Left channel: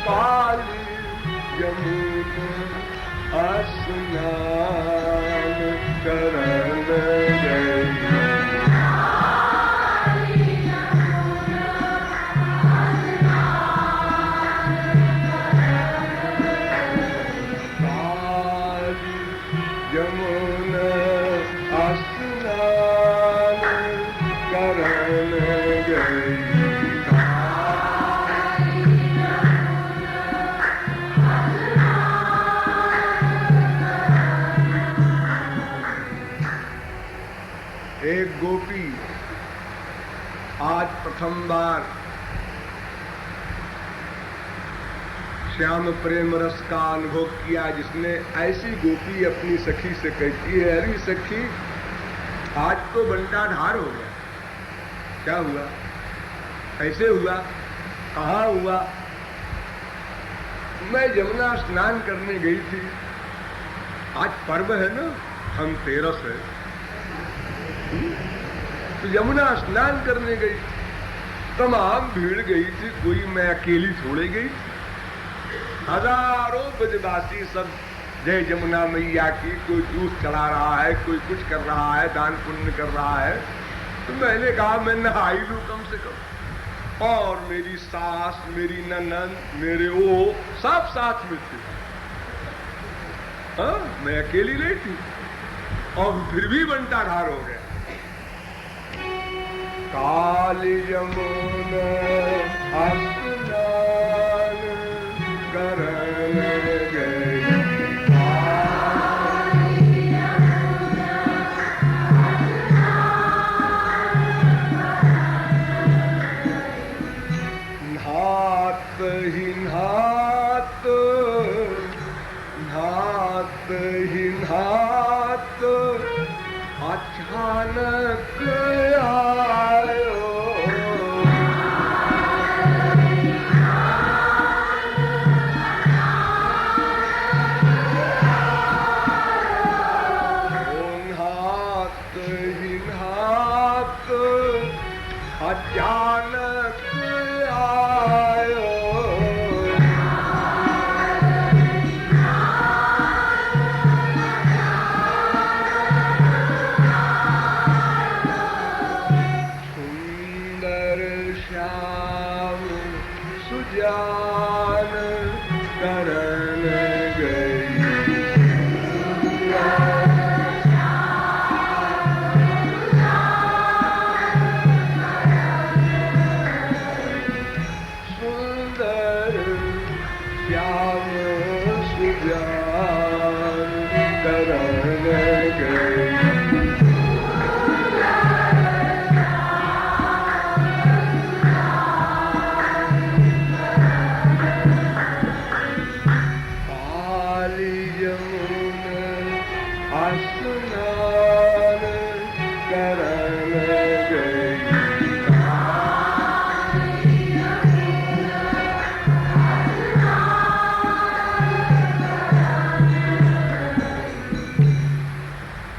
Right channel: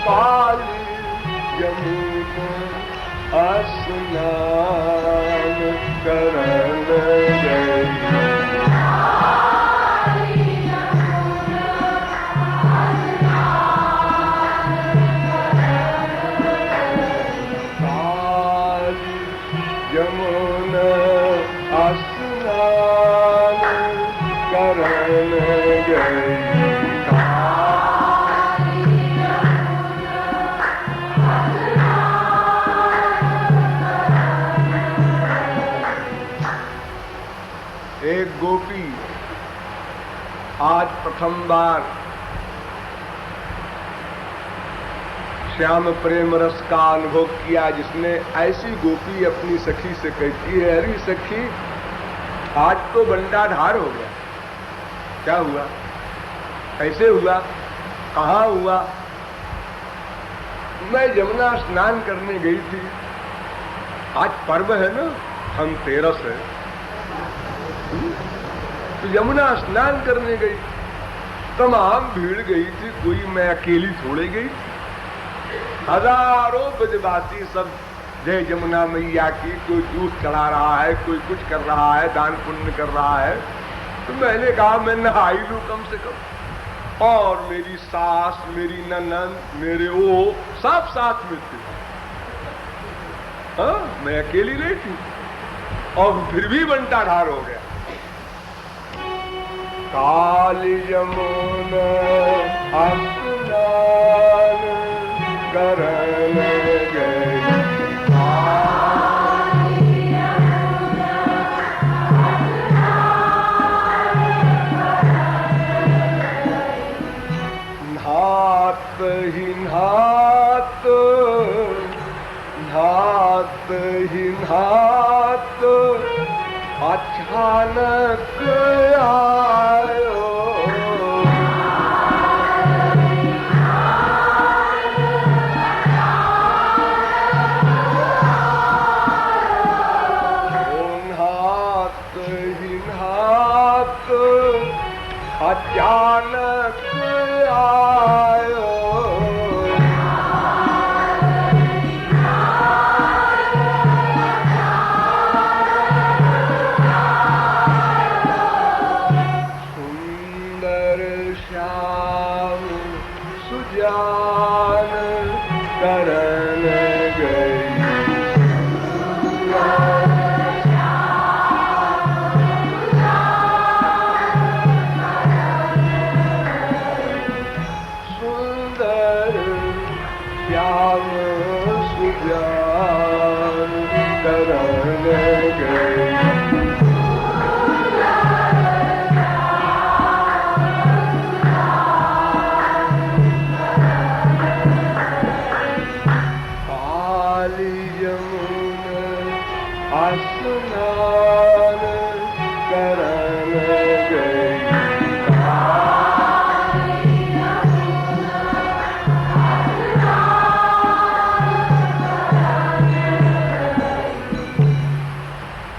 पाल यमुना स्नान करन गई। यमुना स्नान करन गई। एक गोपी आज प्रथम बार श्याम प्रेम रस का अनुभव किया, जिसने ऐसी गोपी अपनी सखी से कहती है, अरे सखी आज तो बंटा ढार हो गया। क्या हुआ? ऐसे हुआ? कहाँ हुआ? मैं यमुना स्नान करने गई थी। आज पर्व है ना, धनतेरस है, तो यमुना स्नान करने गई। तमाम भीड़ गई थी, कोई मैं अकेली थोड़े गई। हजारों ब्रजवासी सब जय यमुना मैया की, कोई दूध चढ़ा रहा है, कोई कुछ कर रहा है, दान पुण्य कर रहा है। तो मैंने कहा मैं नहाई लूं कम से कम। और मेरी सास, मेरी ननद, मेरे वो सब साथ में थे। हाँ, मैं अकेली नहीं थी और फिर भी बंटा ढार हो गया। काल यमुना स्नान करन गई। नहात ही नहात, नहात ही नहात अचानक आयो। नहात ही नहात अचानक आयो। सुंदर श्याम सुजान करन गई। सुंदर श्याम सुजान करन गई। स्नान करन गई।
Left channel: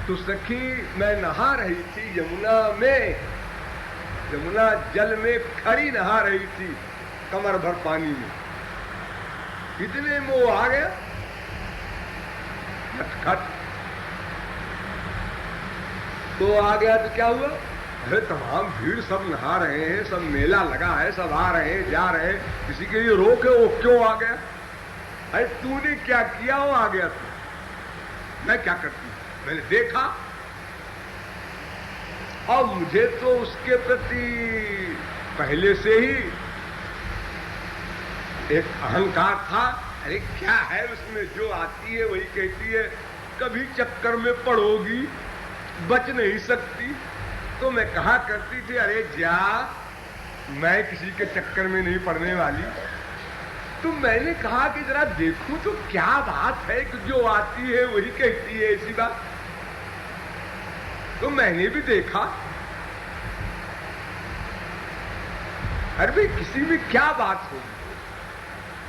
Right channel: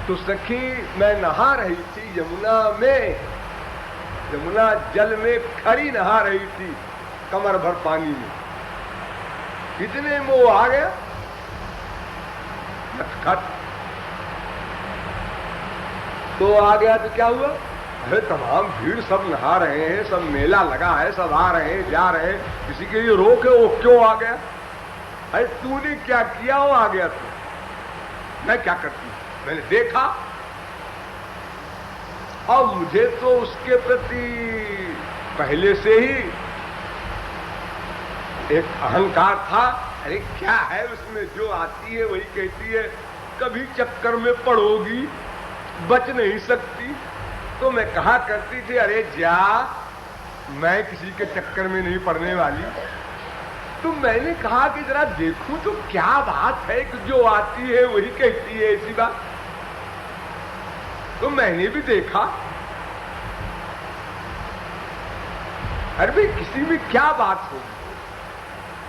तो सखी मैं नहा रही थी यमुना में, यमुना जल में खड़ी नहा रही थी कमर भर पानी में। इतने में वो आ गया खट। तो आ गया तो क्या हुआ? अरे तमाम भीड़, सब नहा रहे हैं, सब मेला लगा है, सब आ रहे हैं, जा रहे हैं, किसी के लिए रोक है, वो क्यों आ गया? अरे तूने क्या किया, वो आ गया तू। मैं क्या करती? मैंने देखा और मुझे तो उसके प्रति पहले से ही एक अहंकार था। अरे क्या है उसमें, जो आती है वही कहती है, कभी चक्कर में पड़ोगी, बच नहीं सकती। तो मैं कहा करती थी, अरे जा, मैं किसी के चक्कर में नहीं पड़ने वाली। तो मैंने कहा कि जरा देखूं तो क्या बात है, तो जो आती है वही कहती है ऐसी बात। तो मैंने भी देखा, अरे भाई किसी में क्या बात होगी,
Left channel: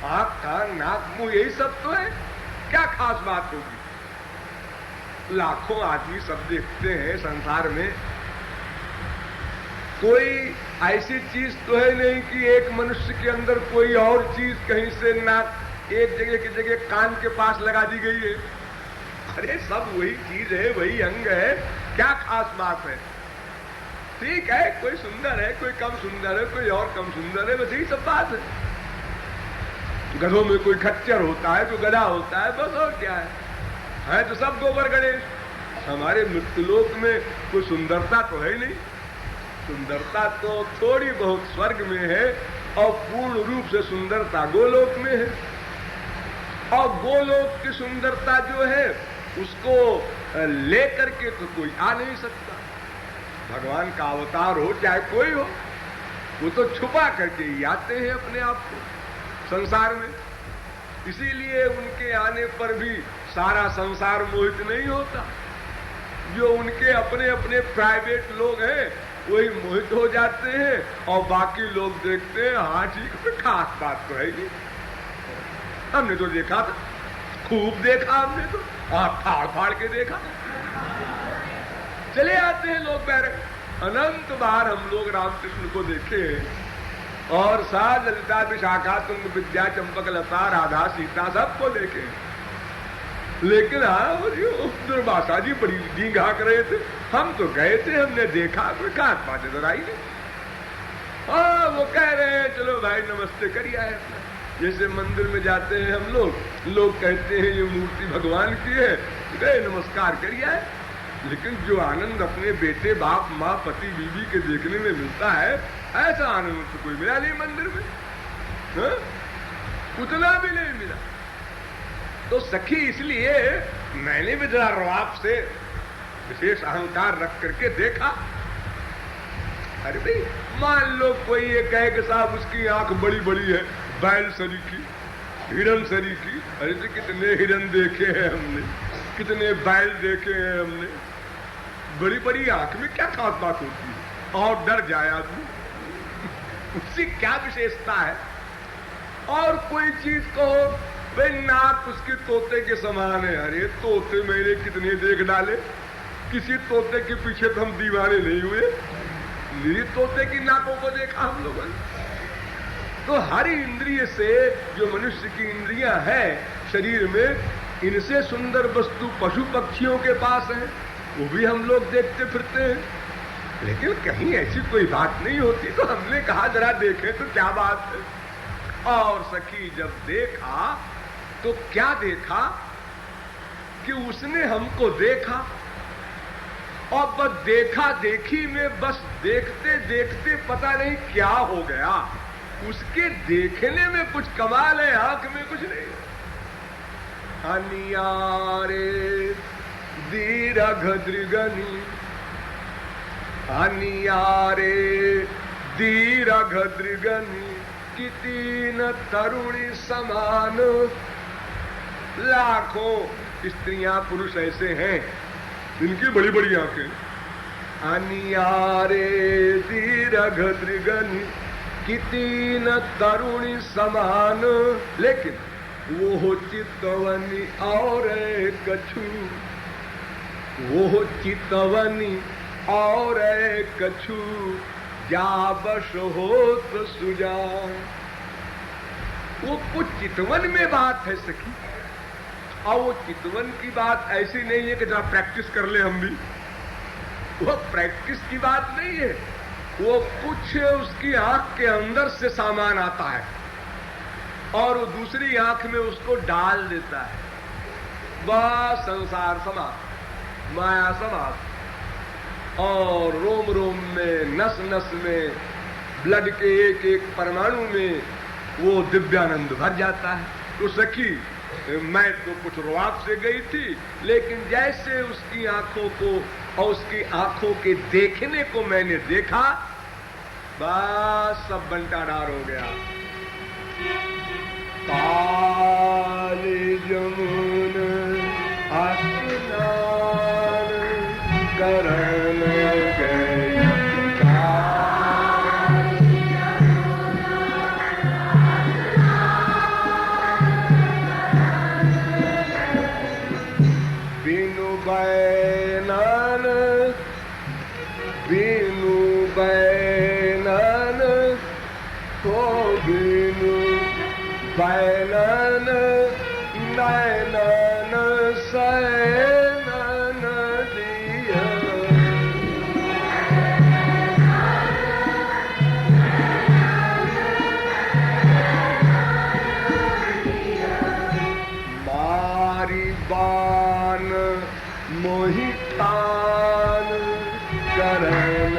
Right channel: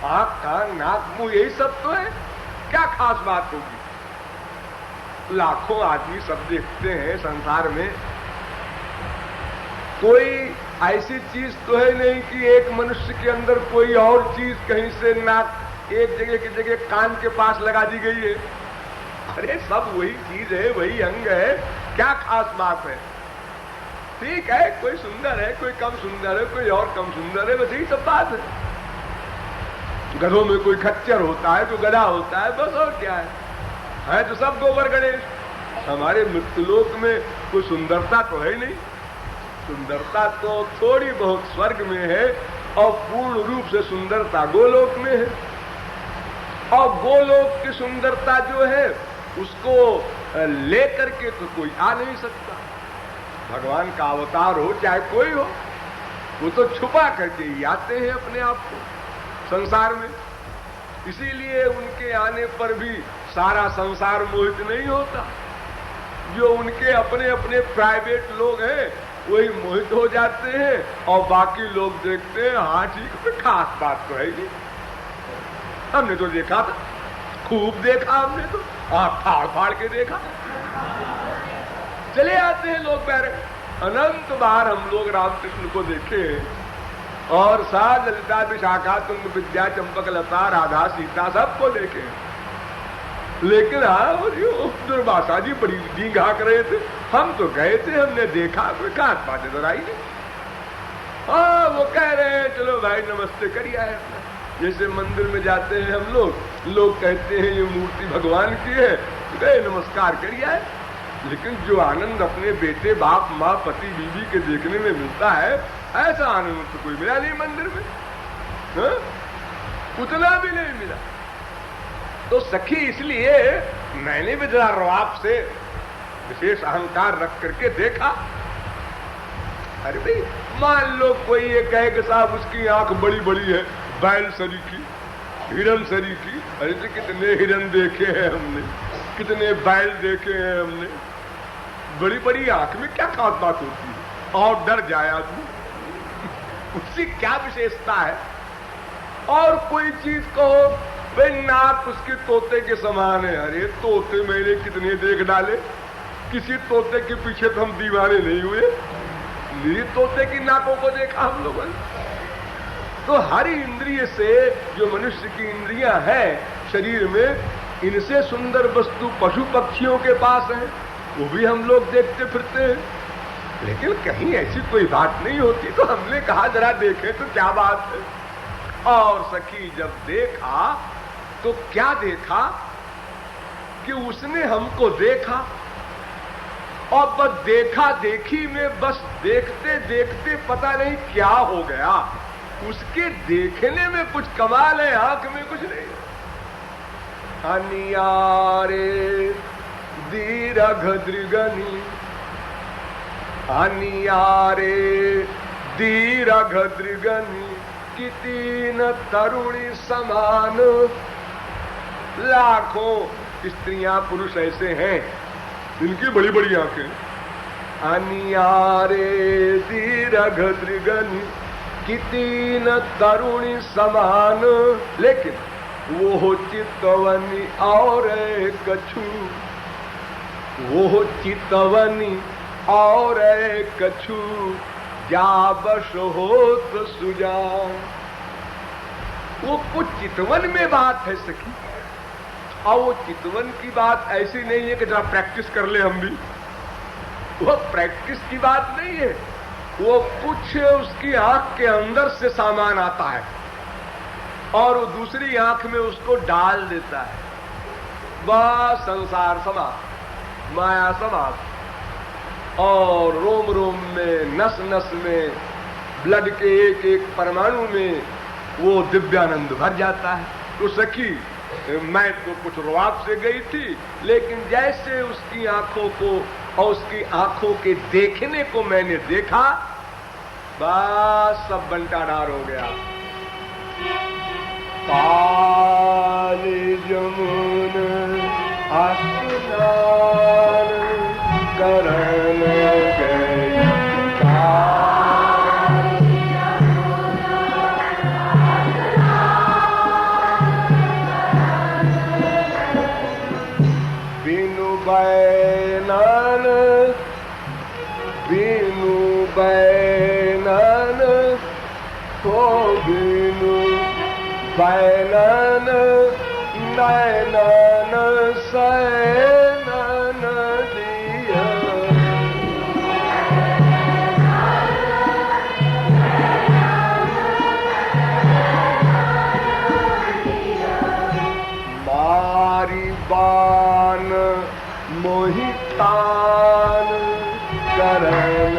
आंख कान नाक मुंह यही सब तो है, क्या खास बात होगी? लाखों आदमी सब देखते हैं संसार में, कोई ऐसी चीज तो है नहीं कि एक मनुष्य के अंदर कोई और चीज कहीं से नाक एक जगह की जगह कान के पास लगा दी गई है। अरे सब वही चीज है, वही अंग है, क्या खास बात है? ठीक है, कोई सुंदर है, कोई कम सुंदर है, कोई और कम सुंदर है, बस यही सब बात है। गधों में कोई खच्चर होता है, तो गधा होता है, बस और क्या है तो सब गोबर गणेश। हमारे मृत्युलोक में कोई सुंदरता तो है नहीं। सुंदरता तो थोड़ी बहुत स्वर्ग में है और पूर्ण रूप से सुंदरता गोलोक में है। और गोलोक की सुंदरता जो है उसको लेकर के तो कोई आ नहीं सकता। भगवान का अवतार हो चाहे कोई हो, वो तो छुपा करके ही आते हैं अपने आप को संसार में। इसीलिए उनके आने पर भी सारा संसार मोहित नहीं होता। जो उनके अपने अपने प्राइवेट लोग हैं वही मोहित हो जाते हैं और बाकी लोग देखते हैं हाँ ठीक, कोई खास बात तो है नहीं। हमने तो देखा था, खूब देखा हमने तो, फाड़ फाड़ के देखा। चले आते हैं लोग बहरे। अनंत बार हम लोग रामकृष्ण को देखते हैं और साथ ललिता विशाखा तुंग विद्या चंपक लता राधा सीता सबको देखे। लेकिन हाँ वो दुर्वासा जी बड़ी जी घाक रहे थे। हम तो गए थे, हमने देखा, कोई काट पाटे नजर आई। हाँ वो कह रहे हैं चलो भाई नमस्ते करिए आए। जैसे मंदिर में जाते हैं हम लोग कहते हैं ये मूर्ति भगवान की है, गए नमस्कार करिए आए। लेकिन जो आनंद अपने बेटे बाप माँ पति बीवी के देखने में मिलता है, ऐसा आनंद तो कोई मिला नहीं मंदिर में। हाँ? उतना भी नहीं मिला। तो सखी इसलिए मैंने भी जरा रवाब से विशेष अहंकार रख करके देखा। अरे भाई मान लो कोई ये कहे कि साहब उसकी आंख बड़ी बड़ी है, बैल सरी की, हिरन सरी की। अरे तो कितने हिरन देखे हैं हमने, कितने बैल देखे हैं हमने। बड़ी बड़ी आंख में क्या खास बात होती है और डर जाए आदमी, उसकी क्या विशेषता है? और कोई चीज कहो भाई नाक उसकी तोते के समान है। अरे तोते मैंने कितने देख डाले, किसी तोते के पीछे तो हम दीवाने नहीं हुए। ली तोते की नाकों को देखा हम लोगों ने। तो हर इंद्रिय से जो मनुष्य की इंद्रियां है शरीर में, इनसे सुंदर वस्तु पशु पक्षियों के पास है, वो भी हम लोग देखते फिरते हैं। लेकिन कहीं ऐसी कोई बात नहीं होती। तो हमने कहा जरा देखें तो क्या बात है। और सखी जब देखा तो क्या देखा कि उसने हमको देखा और बस देखा देखी में बस देखते देखते पता नहीं क्या हो गया। उसके देखने में कुछ कमाल है, आंख में कुछ नहीं। अनियारे दीर्घ दृगनी, अनियारे दीर्घ दृगनी कितीन तरुणी समान। लाखों स्त्रियां पुरुष ऐसे हैं इनकी बड़ी बड़ी आंखें। अनियारे दीर्घ दृगनी कितीन तरुणी समान, लेकिन वो चितवनी और कछु, वो चितवनी और कछु जा बस हो तो सुजा। वो कुछ चितवन में बात है सखी। और वो चितवन की बात ऐसी नहीं है कि जरा प्रैक्टिस कर ले हम भी, वो प्रैक्टिस की बात नहीं है। वो कुछ उसकी आंख के अंदर से सामान आता है और वो दूसरी आंख में उसको डाल देता है। वह संसार समाप्त, माया समाप्त, और रोम रोम में नस नस में ब्लड के एक एक परमाणु में वो दिव्यानंद भर जाता है। तो सखी मैं तो कुछ रुआब से गई थी, लेकिन जैसे उसकी आंखों को और उसकी आंखों के देखने को मैंने देखा, बस सब बंटाढार हो गया। काली जमुन स्नान करन गए, बिनु बैनन, बिनु बैनन सैनन नैनन सैनन दिया मारी बान मोहितान करन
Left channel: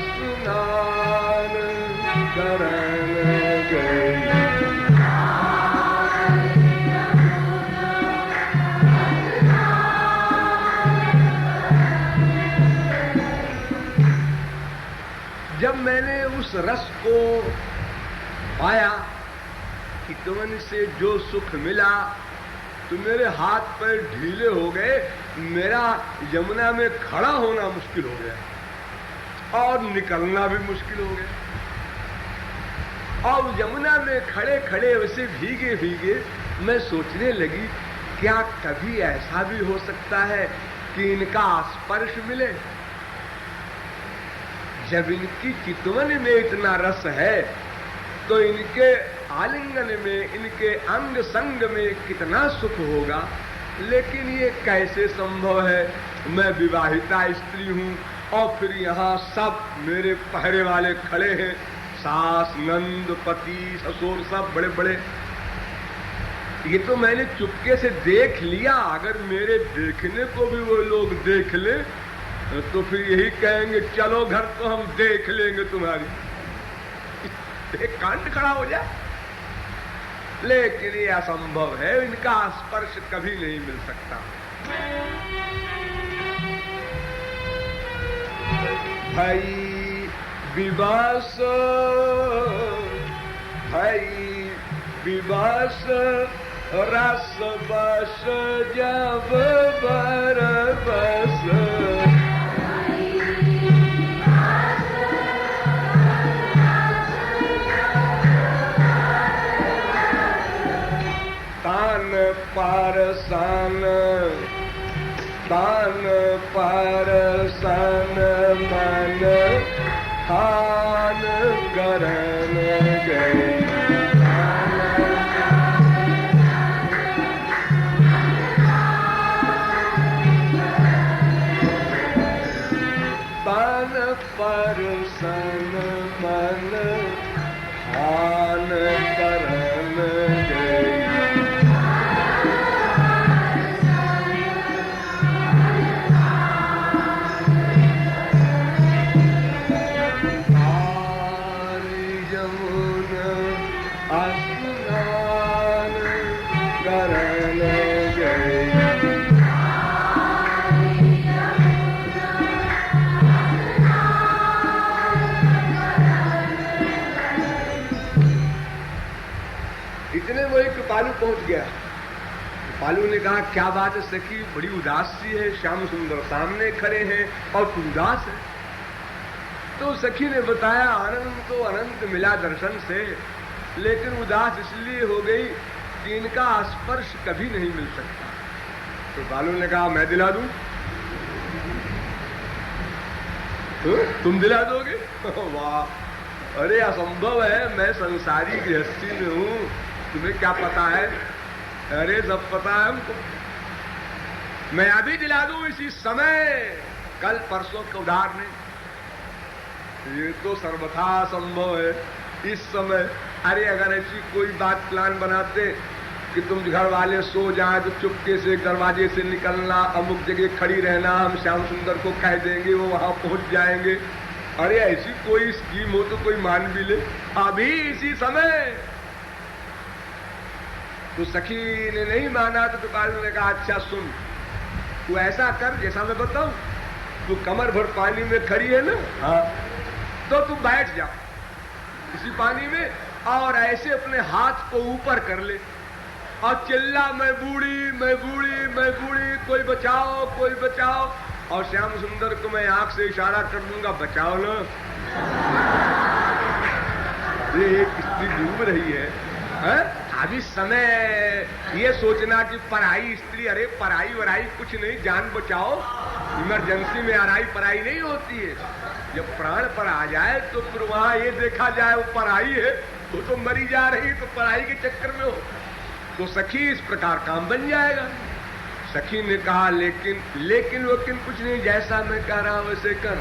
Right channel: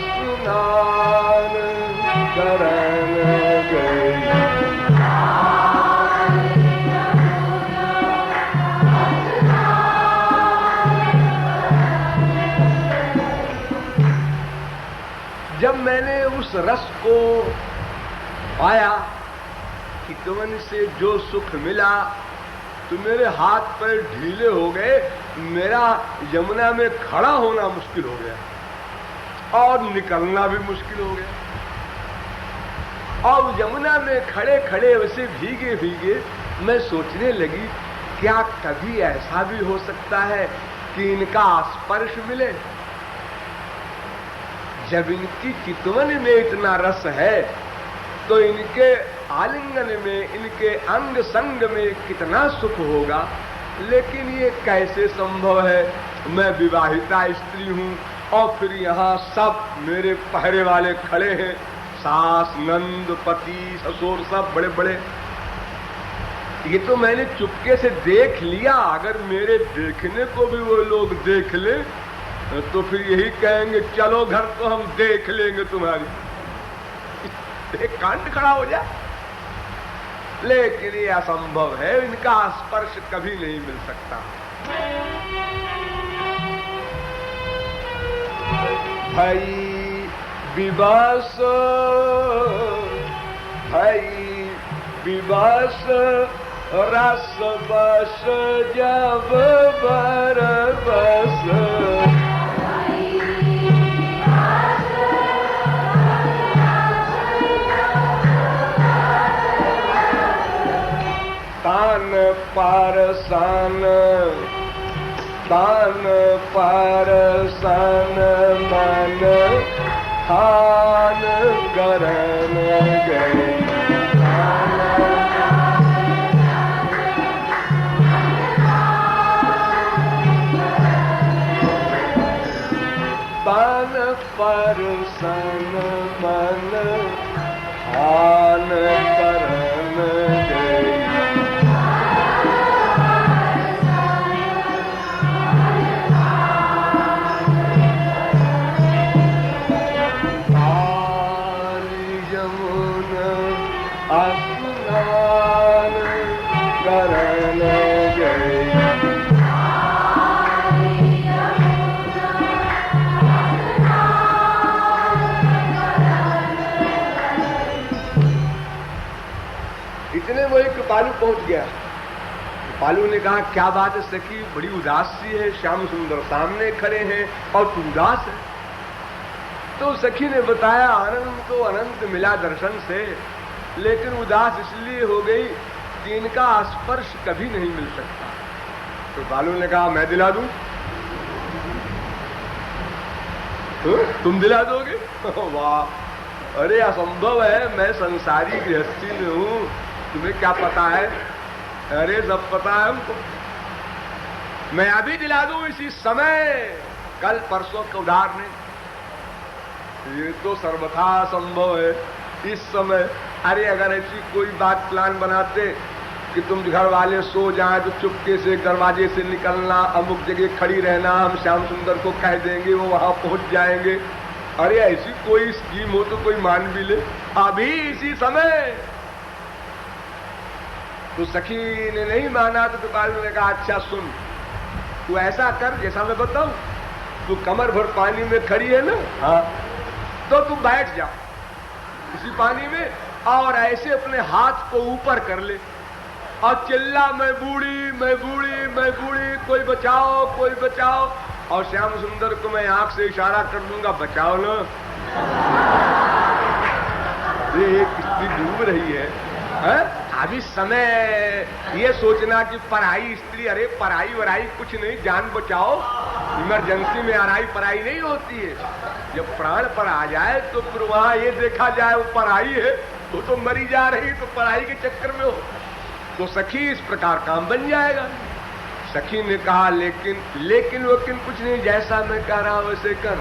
स्नान करन गई जब मैंने उस रस को पाया कि कवन से जो सुख मिला तो मेरे हाथ पैर ढीले हो गए, मेरा यमुना में खड़ा होना मुश्किल हो गया और निकलना भी मुश्किल हो गया। और यमुना में खड़े खड़े वैसे भीगे भीगे मैं सोचने लगी, क्या कभी ऐसा भी हो सकता है कि इनका स्पर्श मिले? जब इनकी चितवन में इतना रस है तो इनके आलिंगन में, इनके अंग संग में कितना सुख होगा। लेकिन ये कैसे संभव है? मैं विवाहिता स्त्री हूँ और फिर यहाँ सब मेरे पहरे वाले खड़े हैं, सास, नंद, पति, ससुर, सब बड़े बड़े। ये तो मैंने चुपके से देख लिया, अगर मेरे देखने को भी वो लोग देख ले तो फिर यही कहेंगे चलो घर तो हम देख लेंगे तुम्हारी। एक कांड खड़ा हो जाए। लेकिन ये असंभव है, इनका स्पर्श कभी नहीं मिल सकता। भाई विवश, भाई विवश रस बस जब बरबस तान पारसान, तान पारसान मन थान करन गए। तान पारसान मन थान करन गए। इतने वो एक कृपालु पहुंच गया। कृपालु ने कहा क्या बात है सखी, बड़ी उदास सी है, श्याम सुंदर सामने खड़े हैं और तू उदास है। तो सखी ने बताया आनंद तो अनंत मिला दर्शन से, लेकिन उदास इसलिए हो गई कि इनका स्पर्श कभी नहीं मिल सकता। कृपालु ने कहा मैं दिला दूं। तो तुम दिला दोगे? वाह, अरे असंभव है, मैं संसारी गृहस्थी में हूं, तुम्हें क्या पता है? अरे सब पता है हमको, मैं अभी दिला दूं इसी समय, कल परसों के उधार नहीं। ये तो सर्वथा संभव है इस समय। अरे अगर ऐसी कोई बात प्लान बनाते कि तुम घर वाले सो जाएं तो चुपके से दरवाजे से निकलना, अमुक जगह खड़ी रहना, हम श्याम सुंदर को कह देंगे, वो वहां पहुंच जाएंगे। अरे ऐसी कोई स्कीम हो तो कोई मान भी ले, अभी इसी समय। तो सखी ने नहीं माना तो कृपालु ने कहा अच्छा सुन, तू ऐसा कर जैसा मैं बताऊं, तू कमर भर पानी में खड़ी है ना, हाँ, तो तू बैठ जा इसी पानी में और ऐसे अपने हाथ को ऊपर कर ले और चिल्ला मैं बूढ़ी, मैं बूढ़ी, मैं बूढ़ी, कोई बचाओ, कोई बचाओ। और श्याम सुंदर को मैं आंख से इशारा कर दूंगा बचाओ ना। ये एक स्त्री डूब रही है? अभी समय ये सोचना कि पढ़ाई स्त्री, अरे पढ़ाई वराई कुछ नहीं, जान बचाओ। इमरजेंसी में अराई पढ़ाई नहीं होती है। जब प्राण पर आ जाए तो फिर वहां ये देखा जाए वो पढ़ाई है तो मरी जा रही, तो पढ़ाई के चक्कर में हो तो सखी इस प्रकार काम बन जाएगा। सखी ने कहा लेकिन कुछ नहीं, जैसा मैं कह रहा वैसे कर।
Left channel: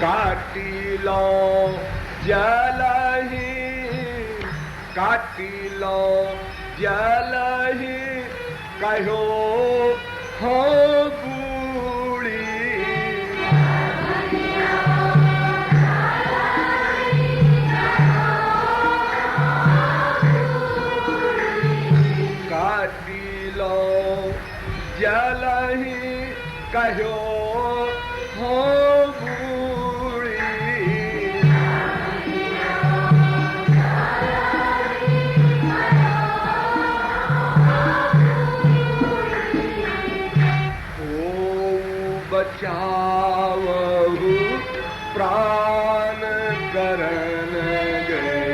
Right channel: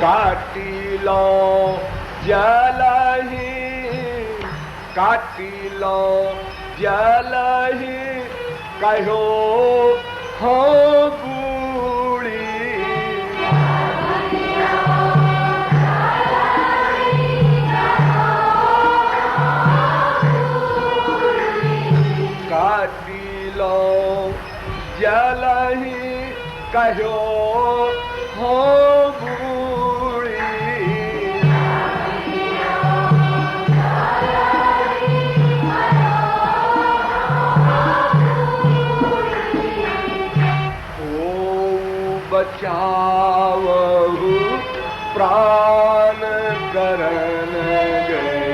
काटी लो जलही, काटी लो जलही, कहो हो बूढ़ी। काटी लो जलही, कहो हो बचावहु प्राण करन गई।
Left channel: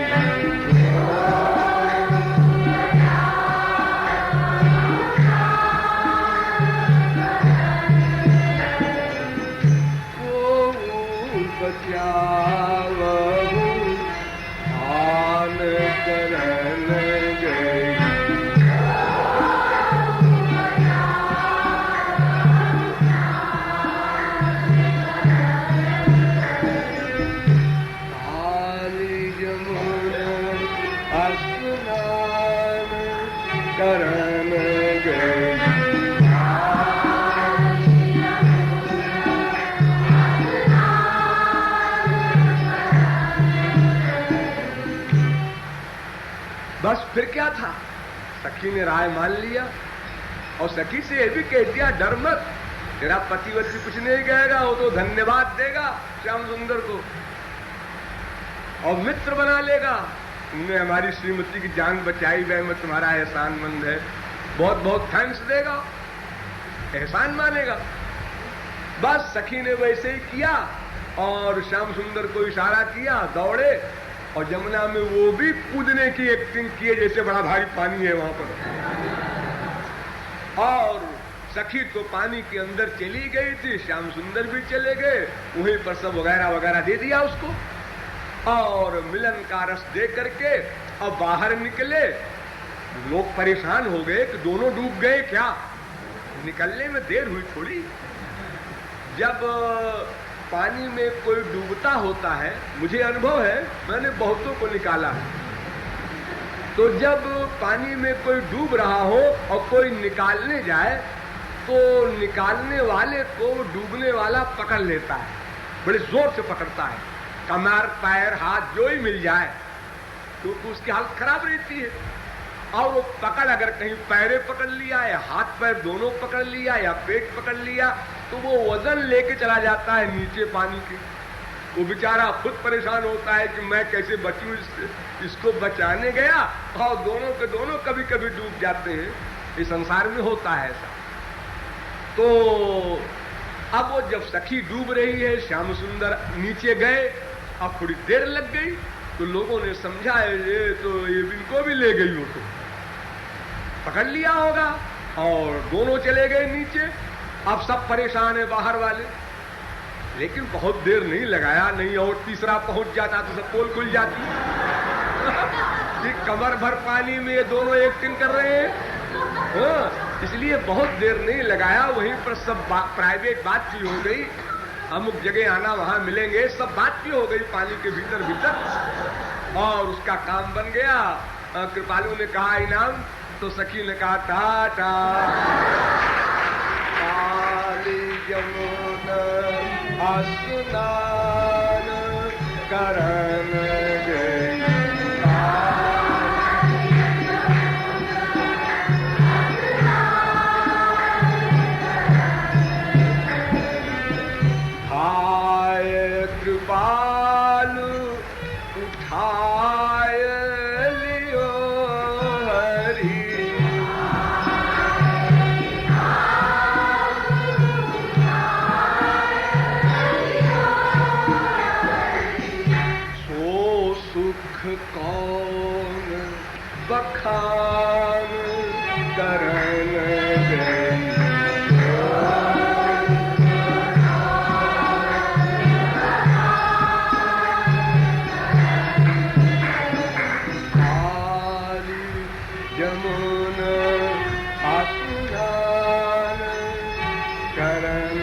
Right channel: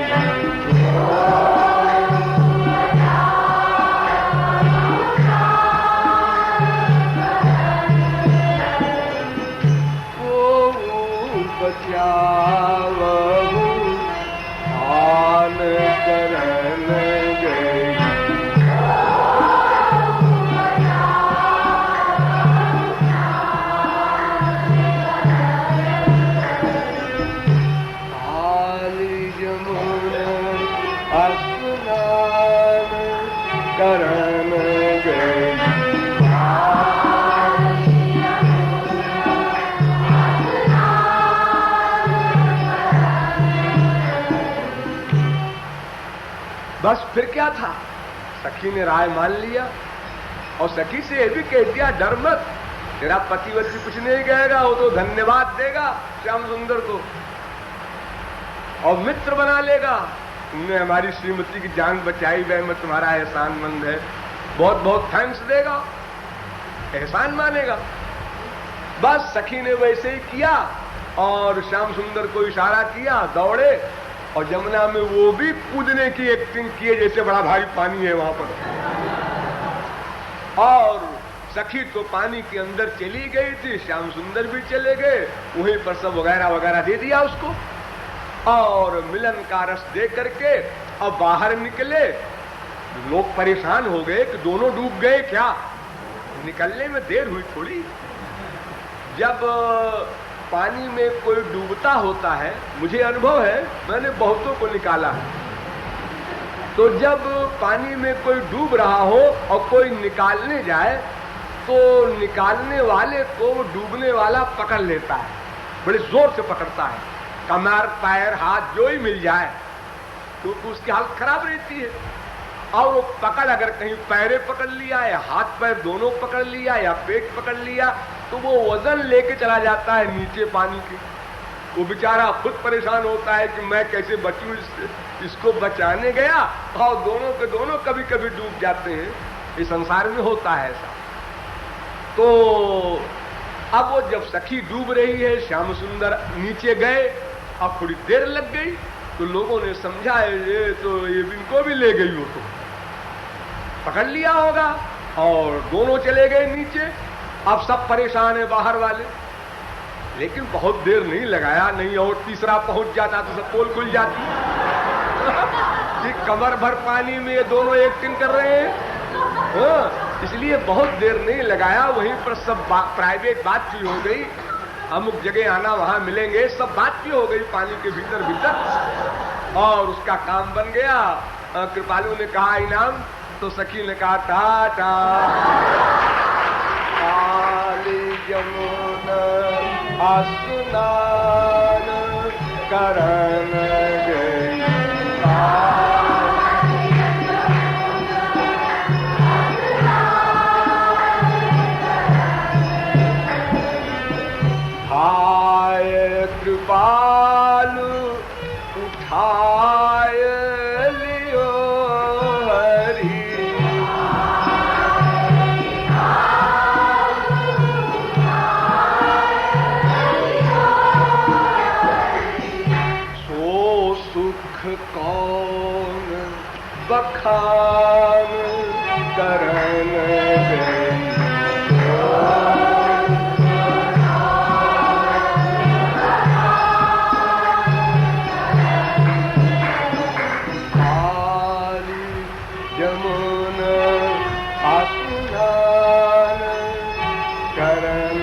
ओ बचावहु प्राण करन गई। करन गई। बस फिर क्या था, सखी ने राय मान लिया और सखी से ये भी कह दिया डर मत, तेरा पतिवती कुछ नहीं कहेगा, वो तो धन्यवाद देगा श्याम सुंदर को और मित्र बना लेगा। तुमने हमारी श्रीमती की जान बचाई, वह मैं तुम्हारा एहसानमंद है, बहुत बहुत थैंक्स देगा, एहसान मानेगा। बस सखी ने वैसे ही किया और श्याम सुंदर को इशारा किया, दौड़े और जमुना में वो भी कूदने की एक्टिंग किए जैसे बड़ा भारी पानी है वहां पर। और सखी तो पानी के अंदर चली गई थी, श्याम सुंदर भी चले गए, वहीं पर सब वगैरह वगैरह दे दिया उसको और मिलन का रस दे करके अब बाहर निकले। लोग परेशान हो गए कि दोनों डूब गए क्या, निकलने में देर हुई थोड़ी। जब पानी में कोई डूबता होता है, मुझे अनुभव है, मैंने बहुतों को निकाला है, तो जब पानी में कोई डूब रहा हो और कोई निकालने जाए तो निकालने वाले को डूबने वाला पकड़ लेता है, बड़े जोर से पकड़ता है, कमर पैर हाथ जो ही मिल जाए, क्योंकि उसकी हालत खराब रहती है। और वो पकड़ अगर कहीं पैरे पकड़ लिया या हाथ पैर दोनों पकड़ लिया या पेट पकड़ लिया तो वो वजन लेके चला जाता है नीचे पानी के। वो बेचारा खुद परेशान होता है कि मैं कैसे बचूं, इसको बचाने गया और दोनों के दोनों कभी कभी डूब जाते हैं। इस संसार में होता है ऐसा। तो अब वो जब सखी डूब रही है, श्याम सुंदर नीचे गए, अब थोड़ी देर लग गई तो लोगों ने समझा ये तो ये इनको भी ले गई, वो तो पकड़ लिया होगा और दोनों चले गए नीचे। अब सब परेशान है बाहर वाले, लेकिन बहुत देर नहीं लगाया, नहीं और तीसरा पहुंच जाता तो सब पोल खुल जाती। कमर भर पानी में ये दोनों एक्टिंग कर रहे हैं, इसलिए बहुत देर नहीं लगाया। वहीं पर सब प्राइवेट बात भी हो गई, अमुक जगह आना वहां मिलेंगे, सब बात भी हो गई पानी के भीतर भीतर और उसका काम बन गया। कृपालु ने कहा इनाम, तो सखी ने कहा टाटा काली यमुना स्नान करन गई। हाय कृपालु उठाय लियो हरि, सो कौन बखान करन काली जमुना आसुनान करन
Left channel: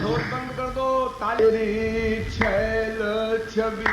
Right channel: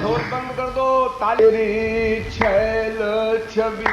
ढोल बंद कर दो, ताली। छैल छबीली